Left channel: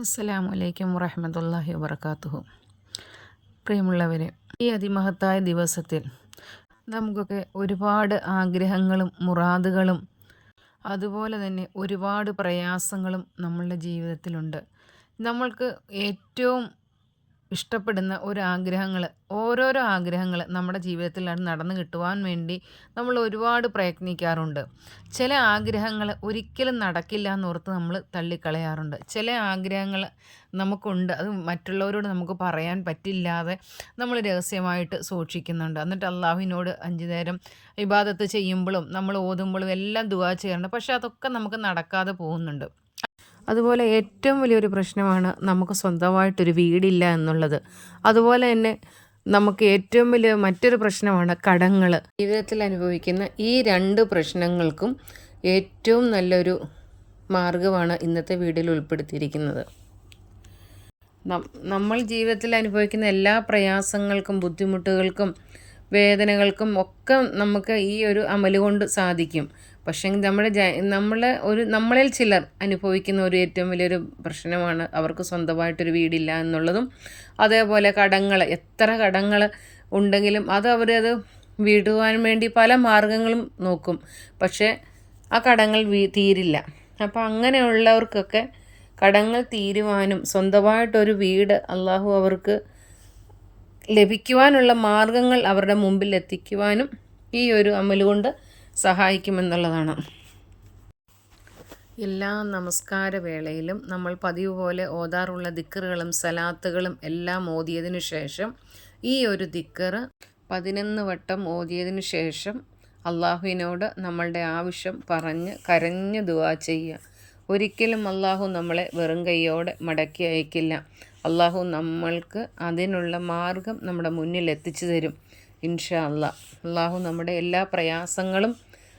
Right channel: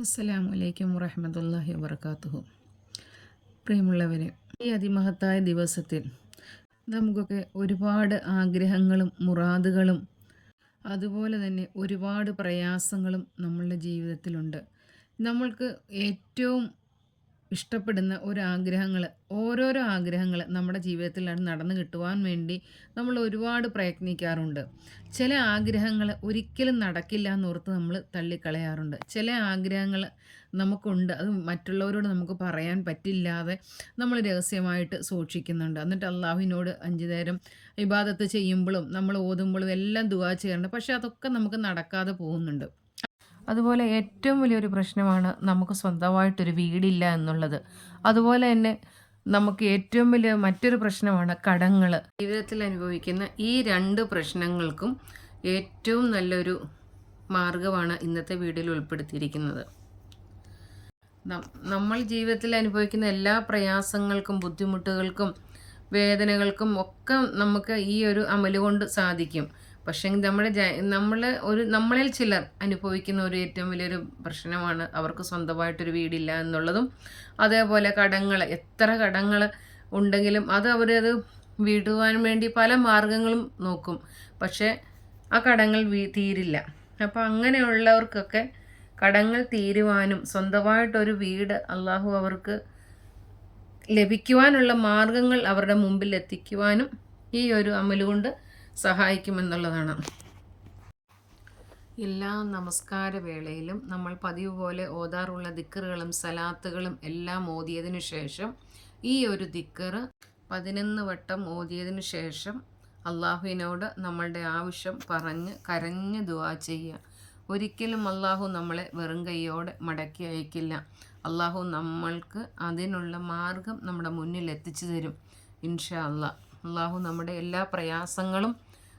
അസ്സലാമു അലൈക്കും വറഹമത്തല്ലാഹി വബർക്കാത്തുഹു പ്രിയമുള്ളവരെ ഈ അതിമഹത്തായ ദിവസത്തിൽ നമുക്കൊക്കെ ഒരുപാട് ആഗ്രഹങ്ങളും മുറാദുകളും അതുപോലെ തന്നെ ഒരുപാട് പ്രയാസങ്ങളും നമ്മളുടെ ജീവിതത്തിലുണ്ട്. നമ്മൾക്ക് ഏറ്റവും ഇഷ്ടപ്പെടുന്ന ഒരു ആഗ്രഹങ്ങൾ ഓരോരോ ആഗ്രഹങ്ങൾ നമ്മുടെ ജീവിതത്തിൽ നടന്നു കിട്ടുവാൻ വേണ്ടി നമ്മൾ ഒരുപാട് പ്രയത്നിക്കാറുണ്ട്. ചില ആഗ്രഹങ്ങൾ ഒരിക്കലും നടക്കില്ല എന്നോർത്ത് നമ്മൾ തള്ളിക്കളയാറുണ്ട്. ചില ആഗ്രഹങ്ങൾ നമുക്കുണ്ട് അത് മറ്റുള്ളവരോട് നമുക്ക് പറയാൻ പറ്റില്ലാതെ നമ്മൾ രഹസ്യമായിട്ട് സൂക്ഷിക്കുന്നുണ്ട്. എന്നിട്ട് അള്ളാഹുവിനോട് അഞ്ചു നേരം ഇബാദത്ത് ചെയ്യുമ്പോഴും നമ്മൾ ഓതുമ്പോഴും എല്ലാം ദുവാ ചെയ്യാറുണ്ട്. പക്ഷേ അതൊക്കെ നമുക്ക് നടക്കാതെ പോകുന്നുണ്ട്. അതുപോലെ ഏറ്റവും വലിയൊരു പ്രശ്നമാണ് നമുക്ക് സ്വന്തമായിട്ടൊരു വീടില്ല എന്നുള്ളത്. അതുപോലെ തന്നെ നമുക്ക് ഏറ്റവും വലിയ മറ്റൊരു പ്രശ്നമാണ് കടങ്ങൾ ജീവിതത്തിൽ അനുഭവിക്കുന്ന ഈ രണ്ട് പ്രശ്നങ്ങൾക്കും ഏറ്റവും നല്ലൊരു മാർഗമാണ് ഇന്നത്തെ വീടിൽ ഉൾപ്പെടുത്തിയിരിക്കുന്നത്. നമ്മൾ ജീവിതത്തിൽ അനുഭവിക്കുന്ന എല്ലാ പ്രയാസങ്ങൾക്കും ബുദ്ധിമുട്ടുകൾക്കും വേദനകൾക്കും ഒക്കെ നമുക്ക് ഈ ഒരു അമൽ കൊണ്ട് സാധിക്കും. പക്ഷേ നമ്മുടെ നമ്മൾ ഒരു നമ്മളിൽ ചിലർ അനുഭവിക്കുന്ന ഒരു ഏറ്റവും വലിയൊരു പ്രശ്നമാണ് അവർക്ക് സ്വന്തമായിട്ടൊരു വീടില്ല എന്നുള്ളതും. അതേപോലെ കടങ്ങൾ എത്ര കടങ്ങൾ ഉണ്ടെങ്കിലും അത് അവരത് വീടുവാൻ വേണ്ടി പല മാർഗങ്ങളും നോക്കും. പക്ഷേ ആ കടങ്ങൾ തീരില്ല. അപ്പോൾ അങ്ങനെയുള്ളവർക്കൊക്കെ കടങ്ങൾ തീരുവാനും സ്വന്തമായിട്ടൊരു വീട് അള്ളാഹു അവർക്ക് ലഭിക്കുവാനുള്ള മാർഗങ്ങൾ അവരുടെ മുമ്പിൽ എത്തിക്കുവാനും ഈ ഒരു അമലുകൊണ്ട് സഹായിക്കുമെന്നുള്ളതാണ്. എല്ലാ നമസ്കാര വേളയിലും നമ്മൾ പതിവ് പോലെ ഓതാറുള്ള ദിക്കറുകളും സലാത്തുകളും എല്ലാം ഓതിയതിനു ശേഷം ഈ ഒരു ദിക്കറ് പതിനൊന്ന് വട്ടം ഓതിയതിനു ശേഷം അള്ളാഹുവിനോട് നമ്മളുടെ ആവശ്യം പറഞ്ഞ് കരഞ്ഞ് ദുവാ ചെയ്യുക. ഒരിക്കലും അള്ളാഹു നമ്മളെ വെറും കൈയോടെ മടക്കി അയക്കില്ല. അള്ളാഹു നമ്മൾക്ക് അതിനുള്ള മാർഗം നമ്മുടെ മുന്നിൽ എത്തിച്ചു തരും. ഇൻഷാ അല്ല അള്ളാഹു നമ്മുടെ എല്ലാ പ്രയാസങ്ങളും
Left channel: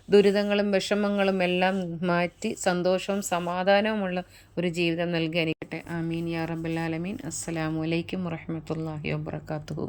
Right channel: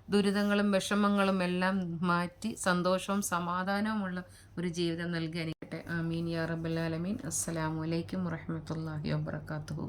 ദുരിതങ്ങളും വിഷമങ്ങളും എല്ലാം മാറ്റി സന്തോഷവും സമാധാനവുമുള്ള ഒരു ജീവിതം നൽകി അനുകട്ടെ ആമീൻ. യാ റബ്ബുലാലമീൻ അസ്സലാമു അലൈക്കും വറഹമത്തല്ലാഹി വാബർക്കാത്തു